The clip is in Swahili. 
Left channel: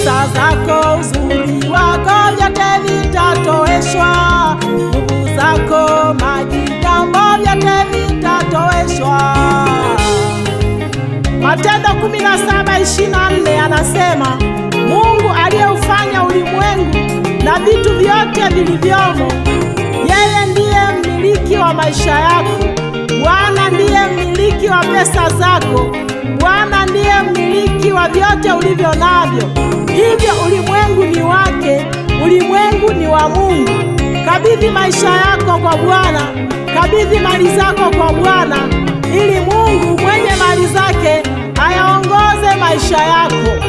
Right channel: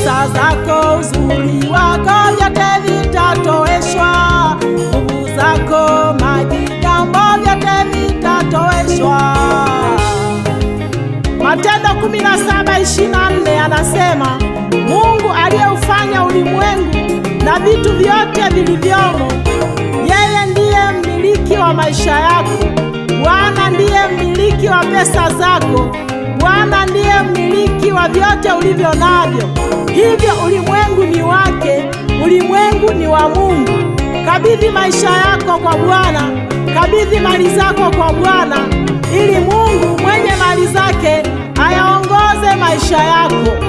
Pesa zako, uzuri wako, vyote vitatoweshwa. Nguvu zako, majigambo, vyote vitatoweshwa. Matendo 17:24 anasema, Mungu aliyeufanya ulimwengu na vitu vyote vilivyomo, yeye ndiye mmiliki wa maisha yako. Bwana ndiye mmiliki wa pesa zako. Bwana ndiye mmiliki wa vyote ulivyo navyo. Hivyo ulimwengu ni wake, ulimwengu ni wa Mungu. Kabidhi maisha yako kwa Bwana, kabidhi mali zako kwa Bwana, ili Mungu mwenye mali zake ayaongoze maisha yako.